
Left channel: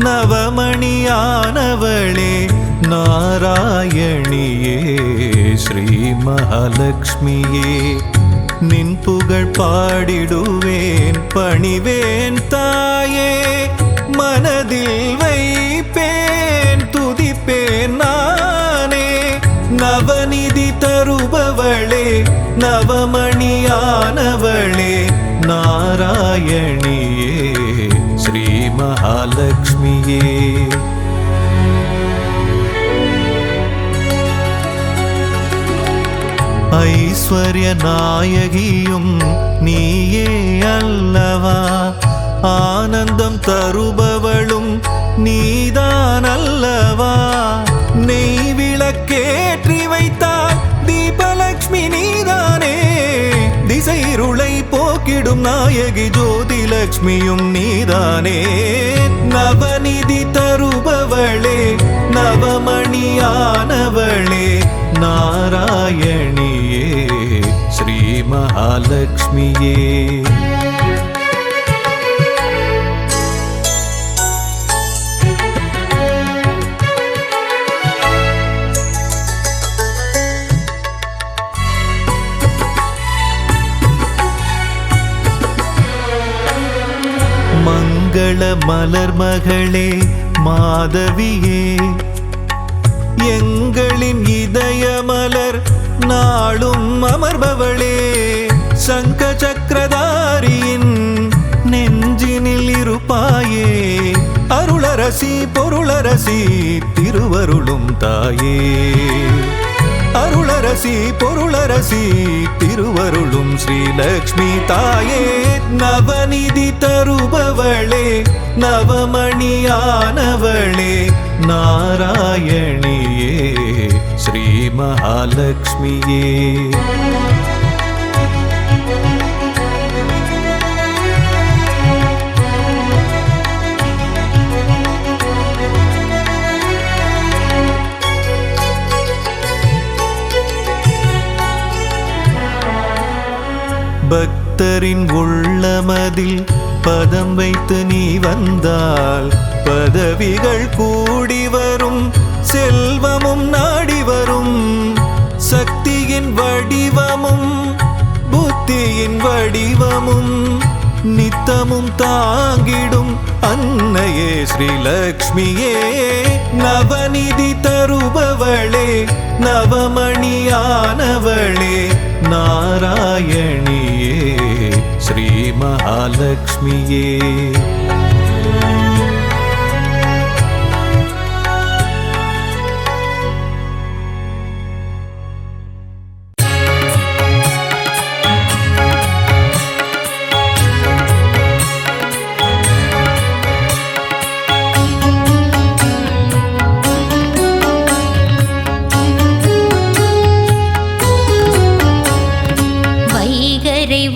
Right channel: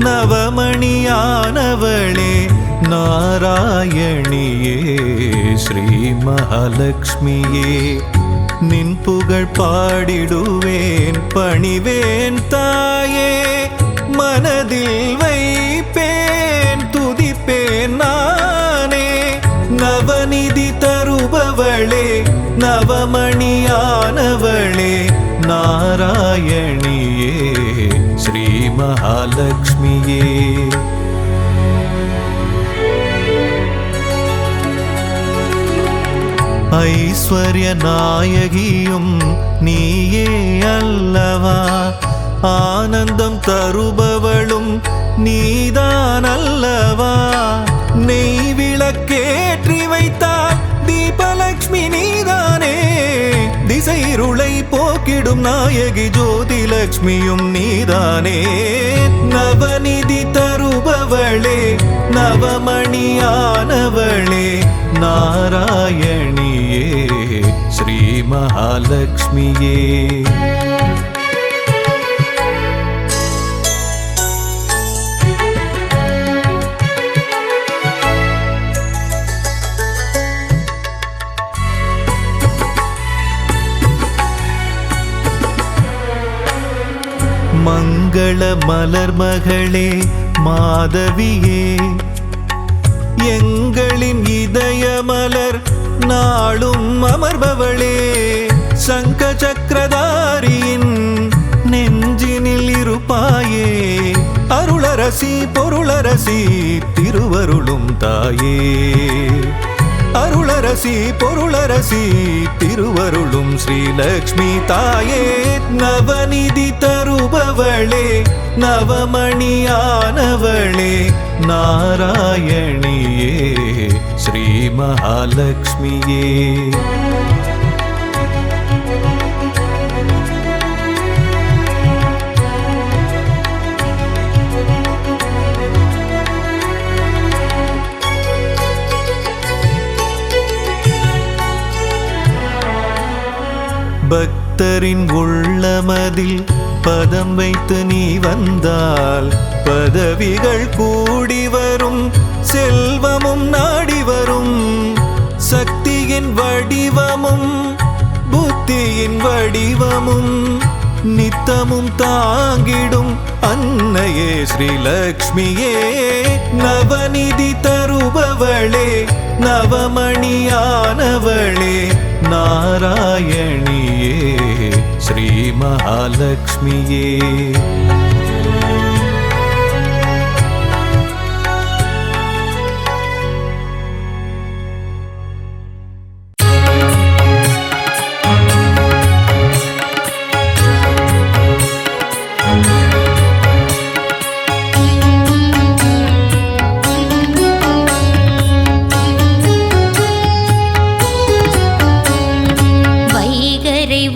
நவமணியானவளே நாராயணியே ஸ்ரீ மகாலட்சுமியே நின் புகழ் பாடிடுவேன் பணிவேன் தாயே மனதில் வைப்பேன் துதிப்பேன் நானே நவநிதி தருபவளே நவமணியானவளே நாராயணியே ஸ்ரீ மகாலட்சுமியே ஐஸ்வர்ய நாயகியும் நீயே அல்லவா ஆனந்தம் தருபவளும் நீதான் அல்லவா நெய் விளக்கேற்றி வைத்தால் தீபலக்ஷ்மி நீதானே திசைருளை போக்கிடும் நாயகி ஜோதிலக்ஷ்மியும் நீதானே நவநிதி தருபவளே நவமணியானவளே நாராயணியே ஸ்ரீ மகாலட்சுமியே மங்கள மலர் மகளே மாதவியே எங்களின் இதய மலர் நாளும் அமர்பவளே சங்க சக்கரதாரியின் நெஞ்சினில் இருப்பாயே அருளரசி பொருளரசி திருவருளும் தாயே அருளரசி பொருளரசி திருவருளும் ஸ்ரீலக்ஷ்மி தாயே நவநிதி தருபவளே நவமணியானவளே நாராயணியே ஸ்ரீ மகாலட்சுமியே பக்தரின் உள்ளமதில் பதம் வைத்து நீ வந்தால் பதவிகள் கூடி வரும் செல்வமும் நாடி வரும் சக்தியின் வடிவமும் புத்தியின் வடிவமும் நித்தமும் தாங்கிடும் அன்னையே ஸ்ரீலக்ஷ்மியே நவநிதி தருபவளே நவமணியானவளே நாராயணியே ஸ்ரீ மகாலட்சுமியே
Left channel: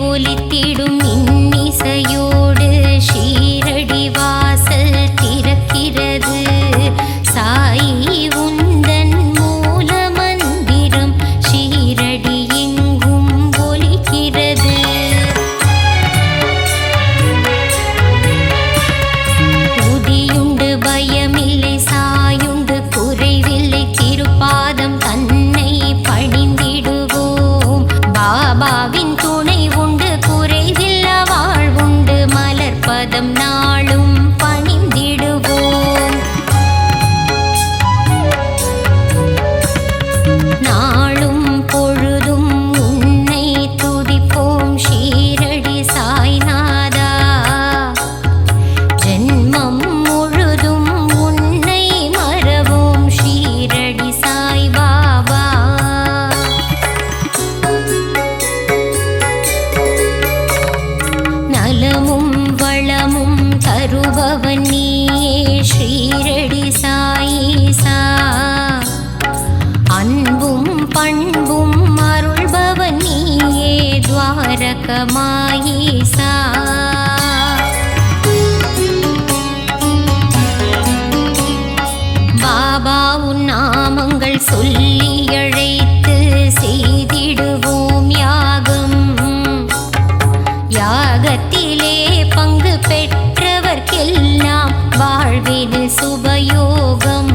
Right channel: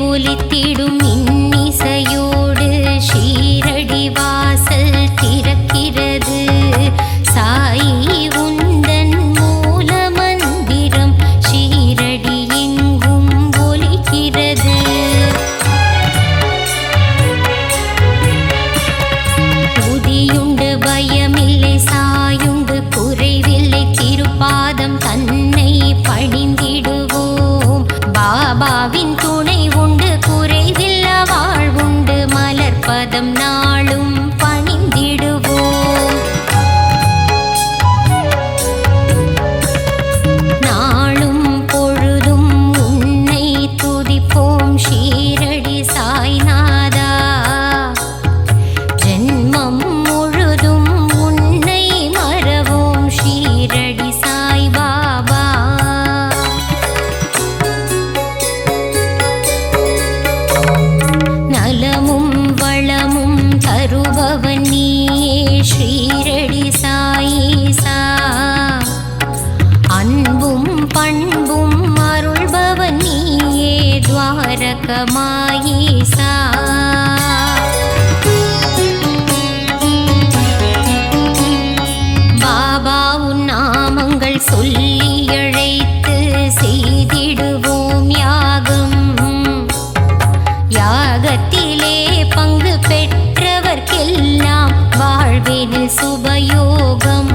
ஒலித்திடும் இன்னிசையோடு ஷீரடி வாசல் திறக்கிறது சாயி உந்தன் மூல மந்திரம் ஷீரடி எங்கும் ஒலிக்கிறது உதியுண்டு பயமில்லை சாயுண்டு குறைவில்லை திருப்பாதம் தன்னை பணிந்திடுவோம் பாபாவின் துணை உண்டு குறைவில்ல வாழ்வுண்டு மலர்பதம் நாளும் பணிந்திடுவோம் நாளும் பொழுதும் உன்னை துதிப்போம் ஷீரடி சாய்நாதா ஜென்மம் முழுதும் உன்னை மறவோம் ஷீரடி சாய் பாபா நலமும் வளமும் தருபவன் நீயே ஷீரடி சாயீசா அன்பும் பண்பும் அருள்பவன் நீயே துவாரகமாயீசா பாபா உன் நாமங்கள் சொல்லி அழைத்து செய்திடுவோம் யாகம் யாகத்திலே பங்கு பெற்றவர்க்கெல்லாம் வாழ்வினில் சுபயோகம்.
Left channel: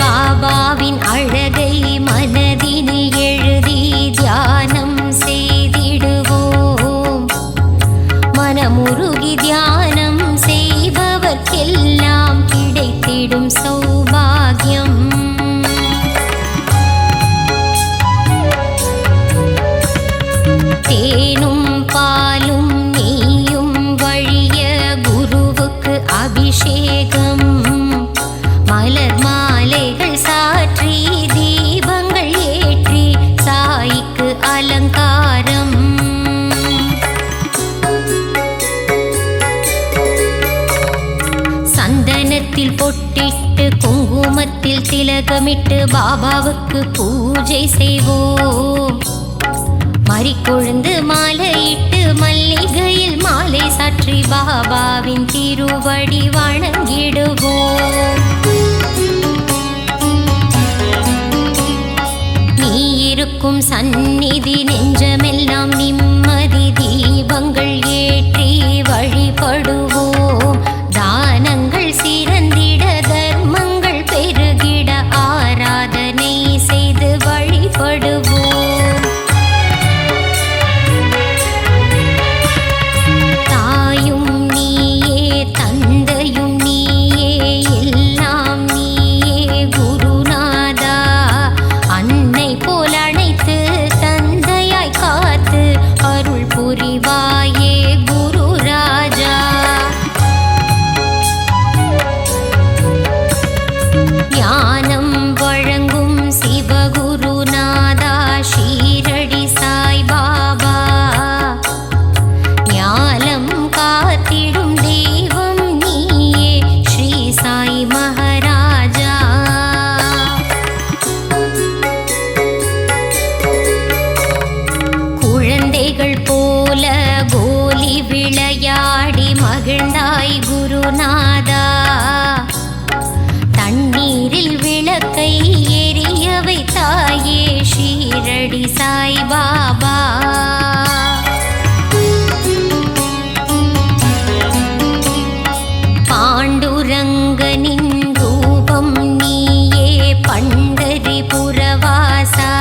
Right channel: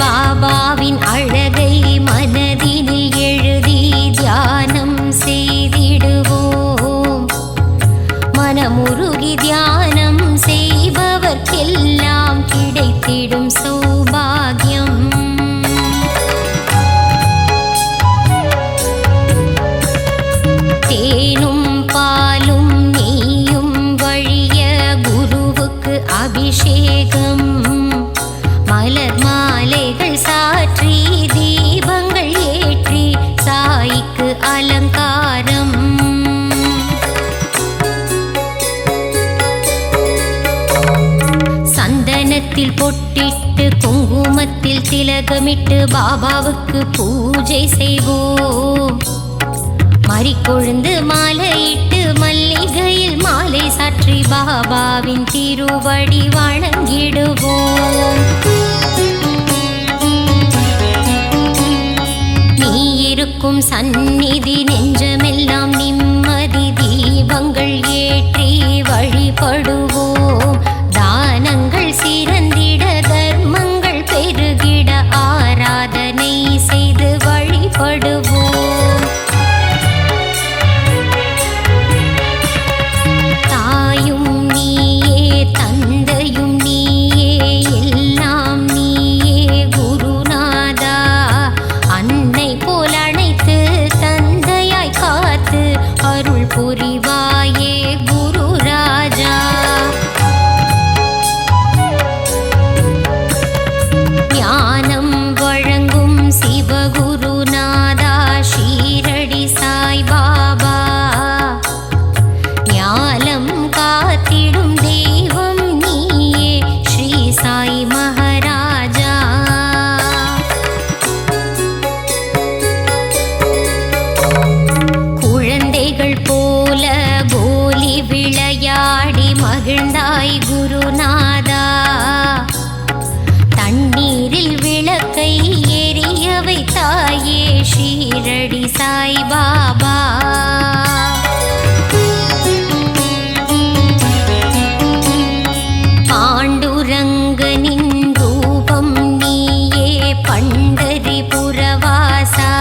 பாபாவின் அழகை மனதினில் எழுதி தியானம் செய்திடுவோம். மனமுருகி தியானம் செய்பவர்க்கெல்லாம் கிடைத்திடும் சௌபாகியம். தேனும் பாலும் நெய்யும் வழிய குருவுக்கு அபிஷேகம். மலர் மாலைகள் சாற்றி தீபங்கள் ஏற்றி சாய்க்கு அலங்காரம். சந்தனத்தில் பொட்டிட்டு குங்குமத்தில் திலகமிட்டு பாபாவுக்கு பூஜை செய்வோம். மறிக்கொழுந்து மாலையிட்டு மல்லிகையில் மாலை சாற்றி பாபாவின் திருவடி வணங்கிடுவோம். நீ இருக்கும் சந்நிதி நெஞ்சமெல்லாம் நிம்மதி. தீபங்கள் ஏற்றி வழிபடுவோம். தானங்கள் சிறந்திட தர்மங்கள் பெருகிட ஆராதனை செய்து வழிபடுவோம். தாயும் நீயே தந்தையும் நீயே எல்லாம் நீயே குருநாதா. அன்னை போல் அணைத்து தந்தையாய் காத்து அருள் புரிவாயே குரு ராஜா. ஞானம் வழங்கும் சிவகுருநாதா ஷீரடி சாய் பாபா. ஞானம் காத்திடும் தெய்வம் நீயே ஸ்ரீ சாய் மகாராஜா. குழந்தைகள் போல கோலி விளையாடி மகிழ்ந்தாய் குருநாதா. தண்ணீரில் விளக்கை எரிய வைத்தாயே ஷீரடி சாய் பாபா. பாண்டுரங்கனின் ரூபம் நீயே பண்டரிபுரவாசா.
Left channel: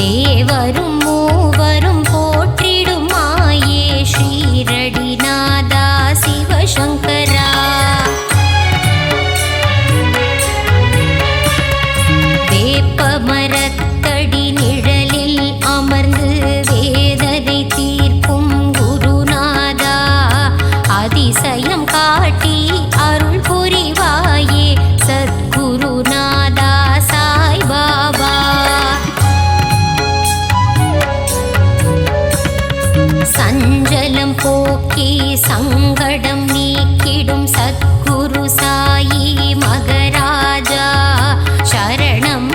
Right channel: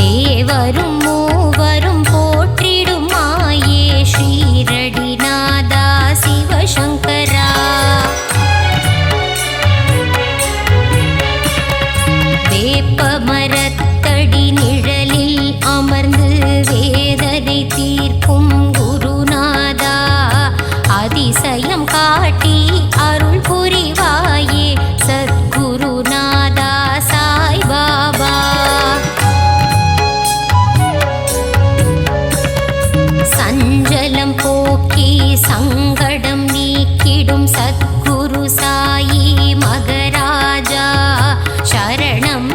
தேவரும் மூவரும் போற்றிடும் மாயே ஷீரடி நாதா சிவசங்கரா. வேப்ப மரத்தடி நிழலில் அமர்ந்து வேதனை தீர்க்கும் குருநாதா. அதிசயம் காட்டி அருள் புரிவாயே சத்குருநாதா சாய் பாபா. சஞ்சலம் போக்கி சங்கடம் நீக்கிடும் சத்குரு சாயி மகராஜா. சரணம்